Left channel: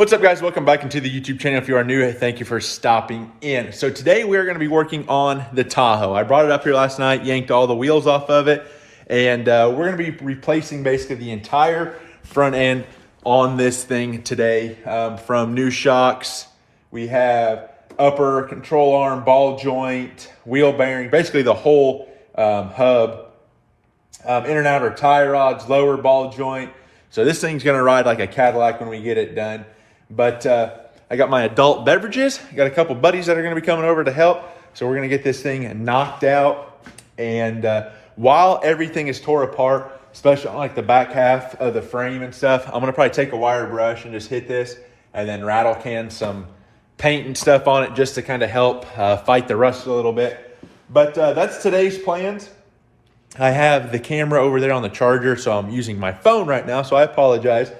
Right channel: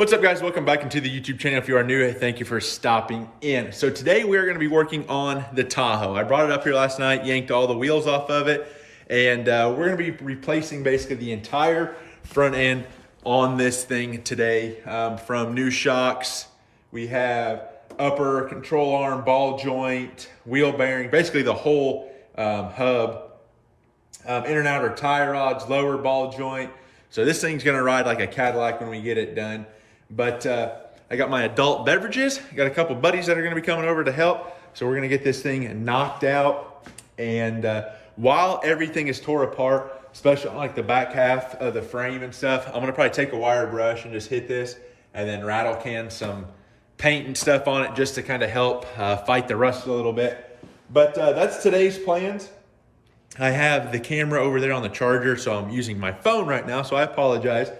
What's up, guys? Welcome back into the YouTube channel. If you are new, thank you for stopping in. So today we are going to be working on the Tahoe. I brought it up here last night, yanked all the wheels off of it, and we're going to be replacing basically the entire front end on this thing today. From new shocks, we have upper control arm, ball joint, wheel bearing, basically the whole hub, in and outer tie rods, lower ball joint. So this thing's going to ride like a Cadillac when we get it done. But I got my adult beverages. I got a couple buddies that are going to be coming over to help. So we're going to get this thing knocked out. And while everything is tore apart, especially on like the back half of the frame and stuff, I'm going to probably take a wire brush and just hit this and then rattle can some paint and stuff on it just to kind of help fight the rust a little bit. But that's today's plans. I have the camera over there on the charger, so I'm using my phone right now, so I apologize.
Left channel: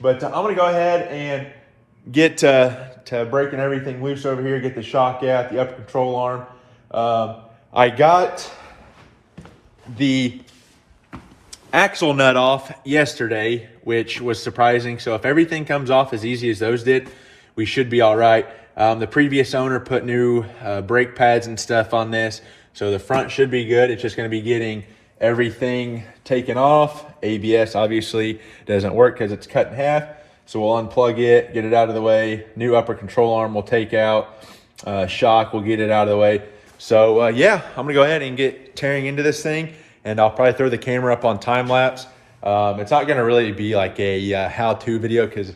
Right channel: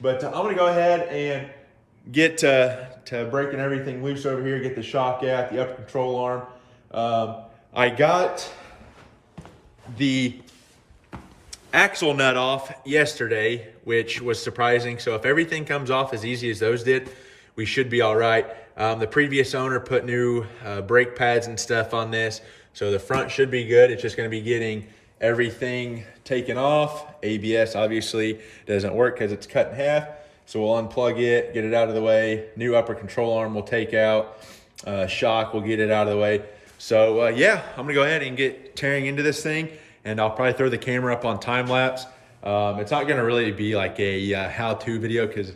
But I'm going to go ahead and get to breaking everything loose over here, get the shock out, the upper control arm. I got the axle nut off yesterday, which was surprising. So if everything comes off as easy as those did, we should be all right. The previous owner put new brake pads and stuff on this, so the front should be good. It's just going to be getting everything taken off. ABS obviously doesn't work because it's cut in half. So we'll unplug it, get it out of the way. New upper control arm we'll take out. Shock, we'll get it out of the way. So yeah, I'm gonna go ahead and get tearing into this thing, and I'll probably throw the camera up on time lapse. It's not gonna really be like a how-to video because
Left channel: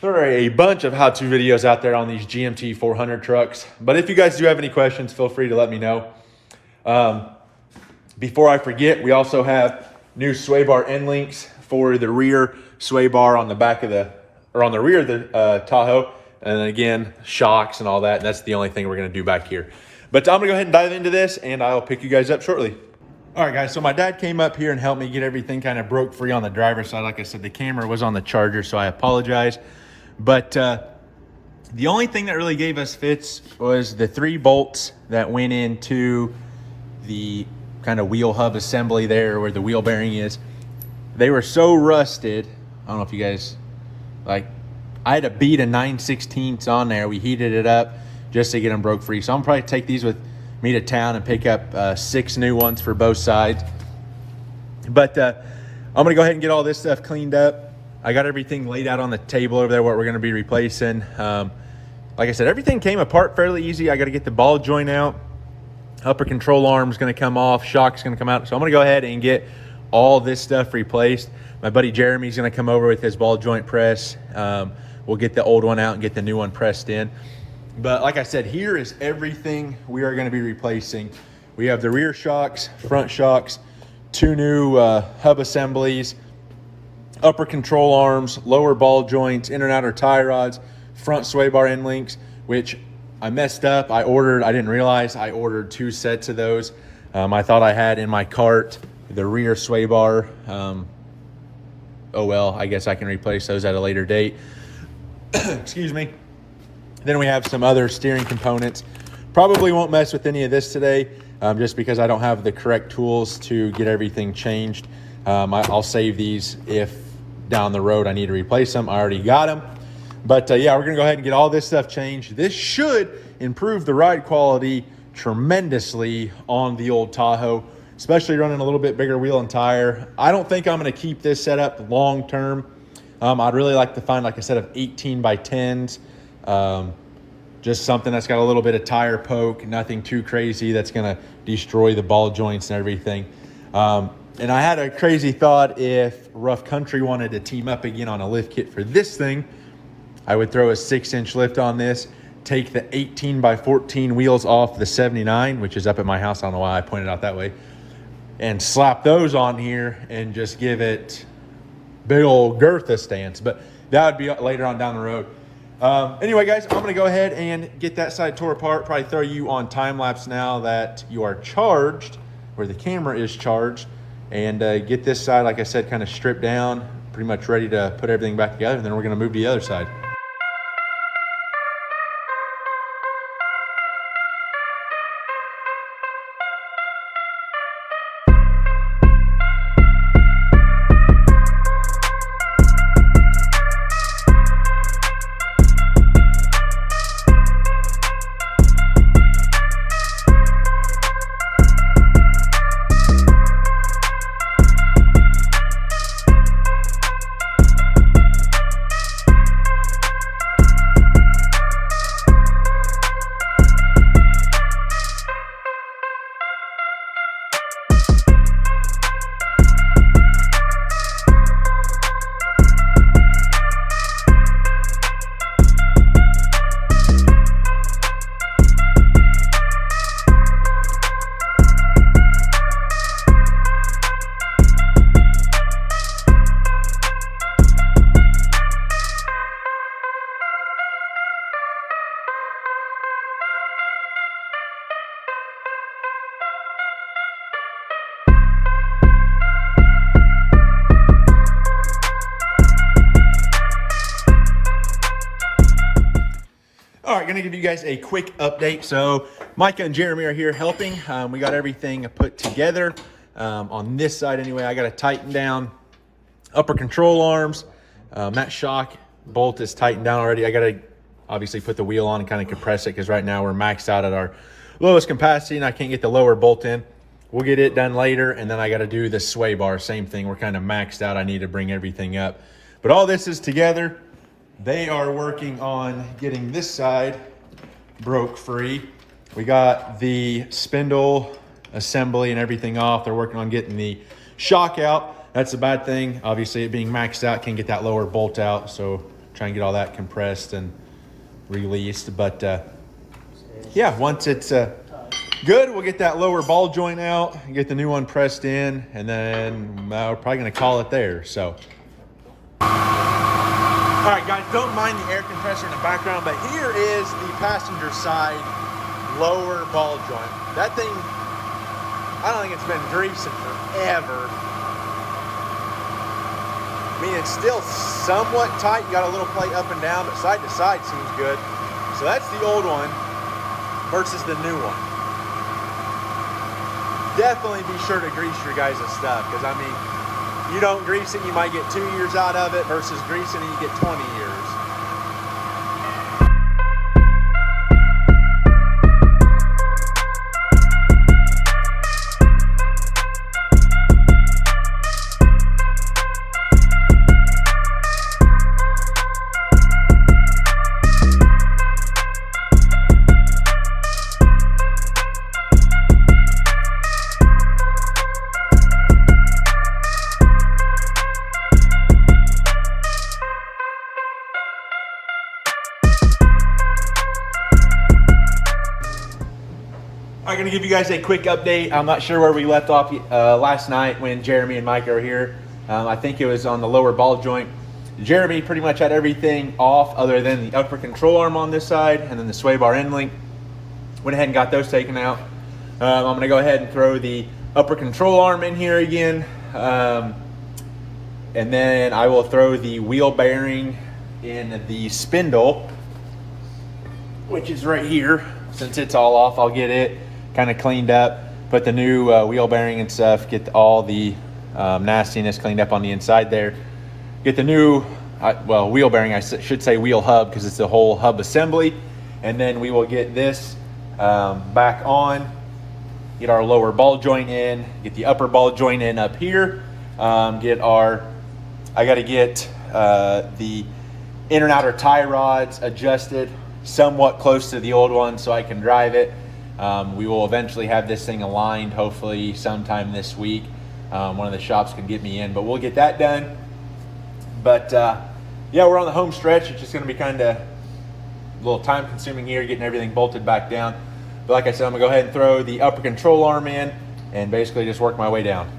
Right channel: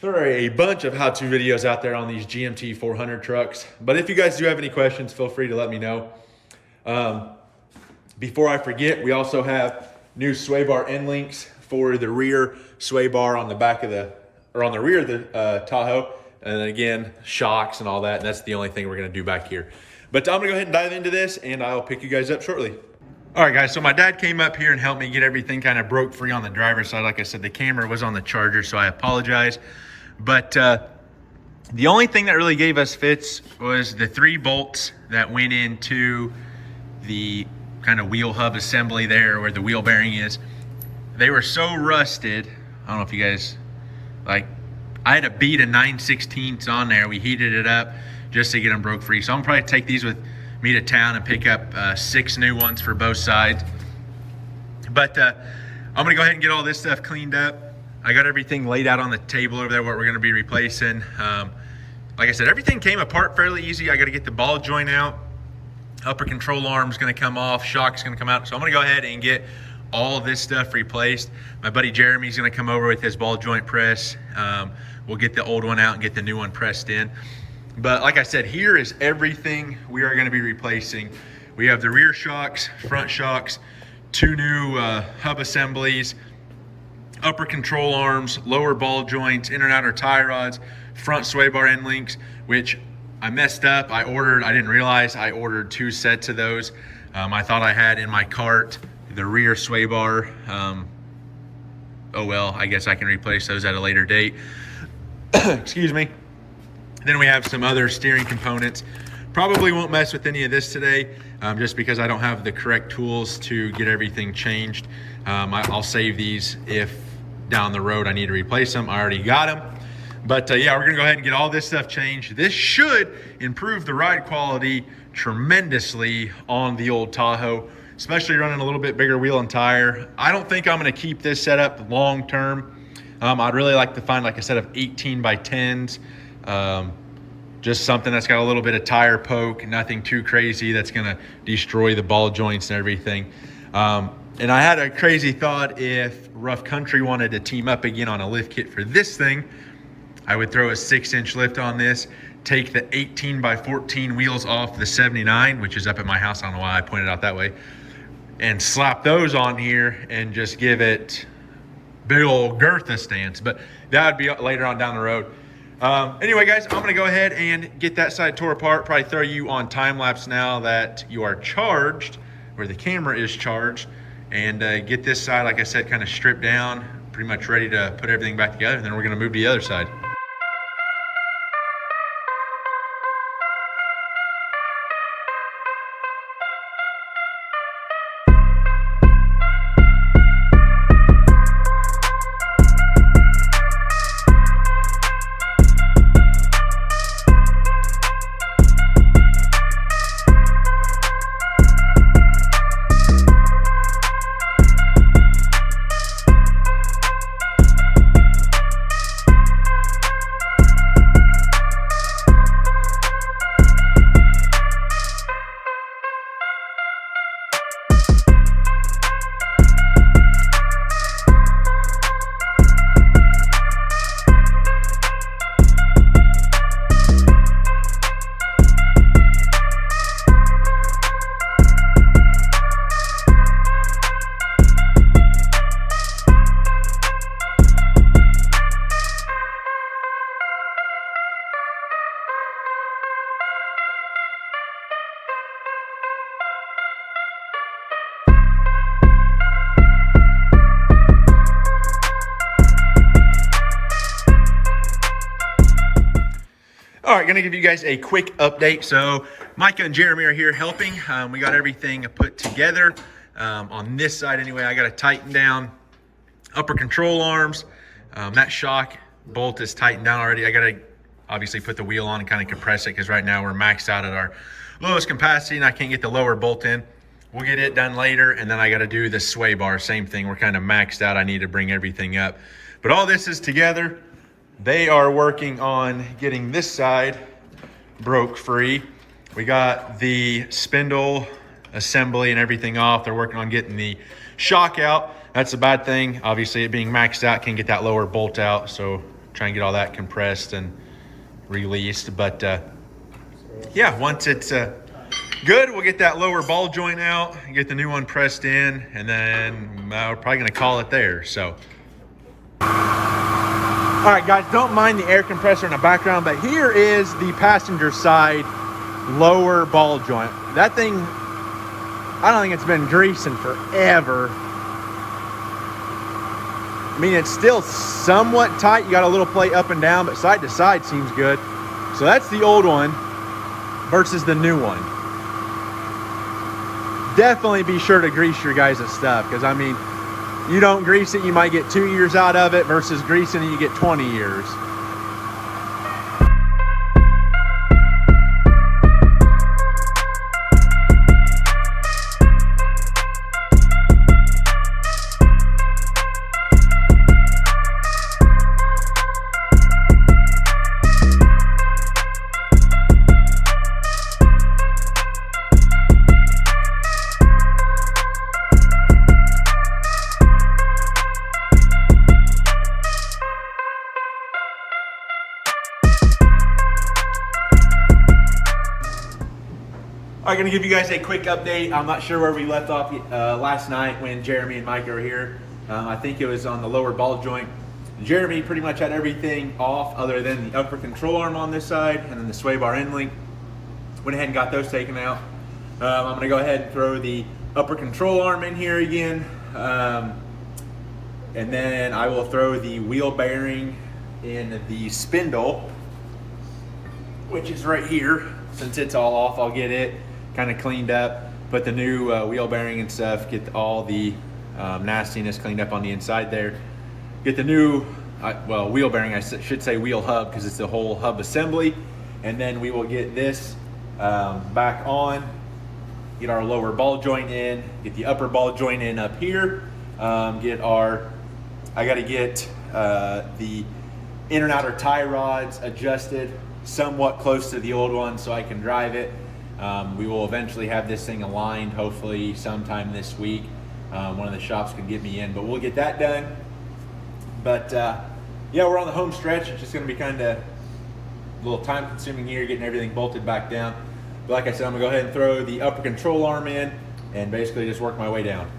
there are a bunch of how-to videos out there on these GMC 400 trucks. But if you guys do have any questions, feel free to let me know. Before I forget, we also have new sway bar end links for the rear sway bar on the back of on the rear of the Tahoe. And then again, shocks and all that. And that's the only thing we're going to do back here. But I'm going to go ahead and dive into this, and I'll pick you guys up shortly. All right, guys. So my dad came up here and helped me get everything kind of broke free on the driver's side. Like I said, the camera was on the charger, so I apologize. But the only thing that really gave us fits was the 3 bolts that went into the kind of wheel hub assembly there where the wheel bearing is. They were so rusted. I don't know if you guys, like, I had to beat a 9/16 on there. We heated it up just to get them broke free. So I'm probably take these with me to town and pick up 6 new ones for both sides. But I'm gonna go ahead and get all this stuff cleaned up. I got everything laid out on the table over there, what we're gonna be replacing. Like I said, everything came apart fairly easy. I gotta get the ball joint out. Upper control arm's gonna come off, shock's gonna come out. So I'm gonna go ahead and get all this stuff replaced. My buddy Jeremy's gonna come over with his ball joint press. We'll get the old one out and get the new one pressed in. But like I said, here is everything we are gonna be replacing. We have the rear shocks, front shocks, 2 new hub assemblies, upper control arms, lower ball joints, inner and outer tie rods, front sway bar end links, which I messed up. I didn't realize I ordered 2 sets of those. I thought I had in my cart the rear sway bar. Oh well, I guess I can replace those at a later date. Excuse me. Then we have some other steering components. Probably won't mess with any of this today, just because I don't have the correct tools to get everything changed. I'll save these if down the road I need to replace them. I already got them. But yeah, we're gonna go ahead and get all this stuff changed. This should improve the ride quality tremendously on the old Tahoe, especially running a little bit bigger wheel and tire. I don't think I'm gonna keep this setup long term. I'd really like to find like a set of 18 by 10s, just something that's got a little bit of tire poke, nothing too crazy that's gonna destroy the ball joints and everything. And I had a crazy thought, if Rough Country wanted to team up again on a lift kit for this thing, I would throw a 6-inch lift on this, take the 18 by 14 wheels off the 79, which is up at my house. I don't know why I pointed out that way, and slap those on here and just give it big old Girtha stance. But that would be later on down the road. Anyway, guys, I'm gonna go ahead and get that side tore apart, probably throw you on time lapse now that you are charged, or the camera is charged, and get this side, like I said, kind of stripped down, pretty much ready to put everything back together. And then we're gonna move to the other side. All right, gonna give you guys a quick update. So Micah and Jeremy are here helping. We got everything put together. On this side anyway, I gotta tighten down upper control arms. That shock bolt is tightened down already. I gotta obviously put the wheel on and kind of compress it because right now we're maxed out at our lowest capacity and I can't get the lower bolt in. We'll get it done later, and then I gotta do the sway bar, same thing. We're kind of maxed out. I need to bring everything up. But all this is together. They are working on getting this side broke free. We got the spindle assembly and everything off. They're working on getting the shock out. That's the bad thing. Obviously, it being maxed out, can't get that lower bolt out. So try and get all that compressed and released. But yeah, once it's good, we'll get that lower ball joint out and get the new one pressed in. And then we're probably gonna call it there, so. All right, guys, don't mind the air compressor in the background, but here is the passenger side lower ball joint. That thing, I don't think it's been greasing forever. I mean, it's still somewhat tight. You got a little plate up and down, but side to side seems good. So that's the old one versus the new one. Definitely be sure to grease your guys' stuff, because I mean, you don't grease it, you might get 2 years out of it, versus greasing it, you get 20 years. I'm gonna give you guys a quick update. I'm not sure where we left off last night when Jeremy and Mike were here. I think it was on the lower ball joint. Jeremy pretty much had everything off other than the upper control arm on this side and then the sway bar end link. Went ahead and got those taken out. I'm gonna go ahead and throw the upper control arm in here again. And then I will throw the wheel bearing in the spindle, which is right here. Since it's all off, I'll get it kind of cleaned up, put the new wheel bearing and stuff, get all the nastiness cleaned up on the inside there. Get the new, well, wheel bearing, I should say wheel hub, because it's the whole hub assembly. And then we will get this back on, get our lower ball joint in, get the upper ball joint in up here, I gotta get the inner and outer tie rods adjusted somewhat close to the old one so I can drive it. We will eventually have this thing aligned, hopefully sometime this week. One of the shops could get me in, but we'll get that done. But yeah, we're on the home stretch. It's just gonna be kind of a little time consuming here, getting everything bolted back down. But like I said, I'm gonna go ahead and throw the upper control arm in and basically just work my way down.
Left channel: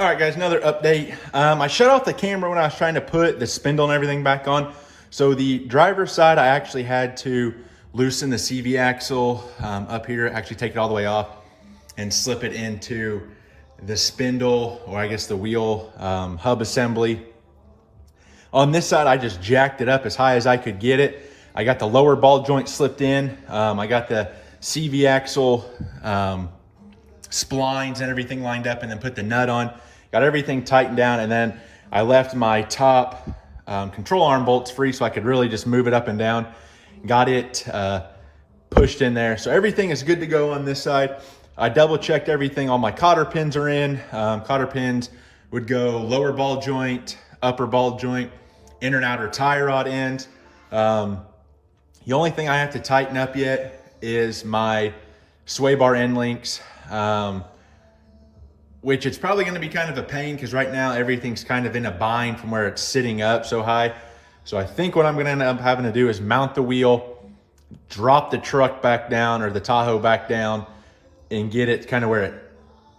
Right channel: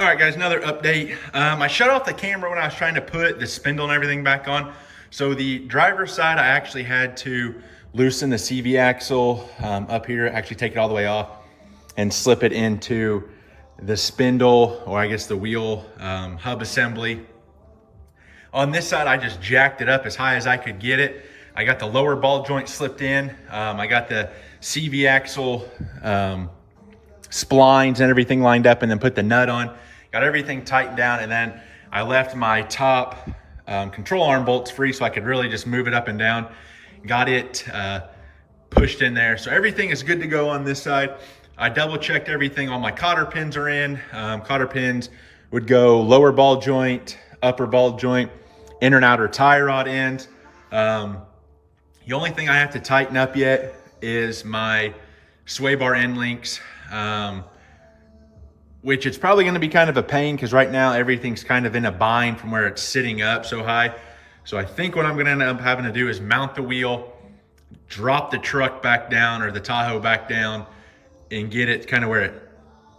All right, guys, another update. I shut off the camera when I was trying to put the spindle and everything back on. So the driver's side, I actually had to loosen the CV axle up here, actually take it all the way off and slip it into the spindle, or I guess the wheel hub assembly. On this side, I just jacked it up as high as I could get it. I got the lower ball joint slipped in. I got the CV axle splines and everything lined up, and then put the nut on. Got everything tightened down, and then I left my top control arm bolts free so I could really just move it up and down. Got it pushed in there. So everything is good to go on this side. I double checked everything. All my cotter pins are in. Cotter pins would go lower ball joint, upper ball joint, inner and outer tie rod ends. The only thing I have to tighten up yet is my sway bar end links, which it's probably going to be kind of a pain because right now everything's kind of in a bind from where it's sitting up so high. So I think what I'm going to end up having to do is mount the wheel, drop the truck back down or the Tahoe back down, and get it kind of where it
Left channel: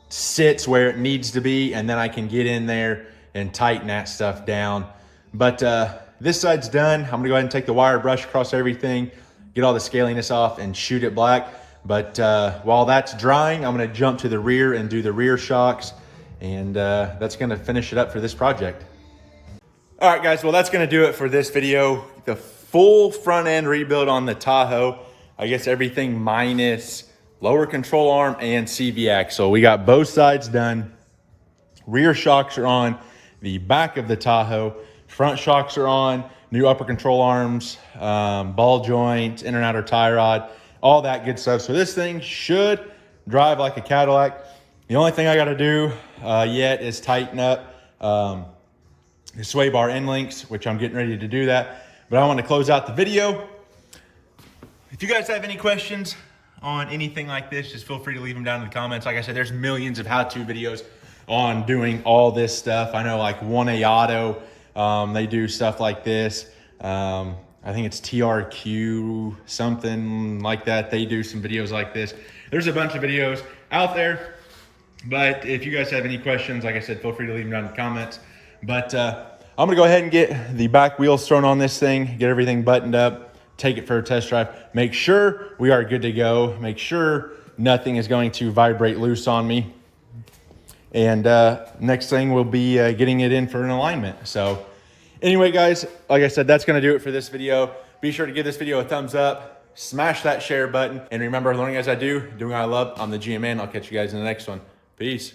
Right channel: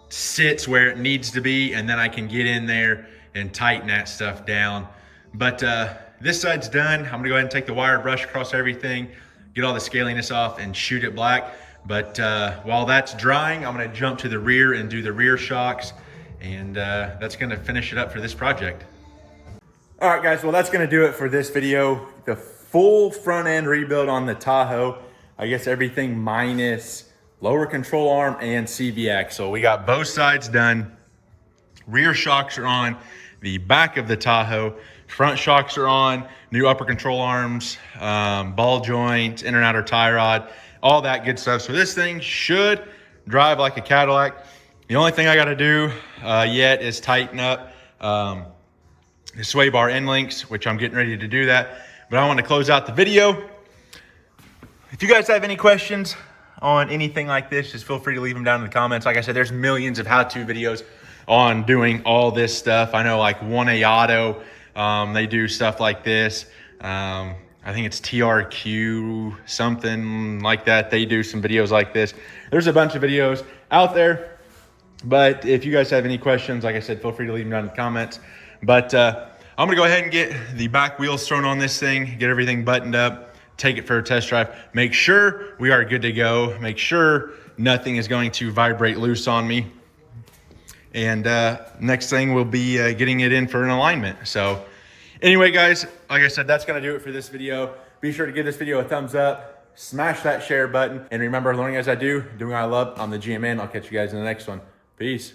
sits where it needs to be, and then I can get in there and tighten that stuff down. But this side's done. I'm gonna go ahead and take the wire brush across everything, get all the scaliness off, and shoot it black. But while that's drying, I'm gonna jump to the rear and do the rear shocks, and that's gonna finish it up for this project. All right, guys, well, that's gonna do it for this video. The full front end rebuild on the Tahoe. I guess everything minus lower control arm and CV axle. We got both sides done. Rear shocks are on the back of the Tahoe. Front shocks are on, new upper control arms, ball joints, inner and outer tie rod, all that good stuff. So this thing should drive like a Cadillac. The only thing I gotta do yet is tighten up the sway bar end links, which I'm getting ready to do that. But I want to close out the video. If you guys have any questions on anything like this, just feel free to leave them down in the comments. Like I said, there's millions of how-to videos on doing all this stuff. I know like 1A Auto, they do stuff like this. I think it's TRQ, something like that. They do some videos like this. There's a bunch of videos out there. But if you guys have any questions, like I said, feel free to leave them down in the comments. But I'm gonna go ahead and get the back wheels thrown on this thing, get everything buttoned up, take it for a test drive, make sure we are good to go, make sure nothing is going to vibrate loose on me. And next thing will be getting it in for an alignment. So anyway, guys, like I said, that's gonna do it for this video. Be sure to give this video a thumbs up, smash that share button, and remember, learning as I do, doing what I love. I'm the GMN. I'll catch you guys in the next one. Peace.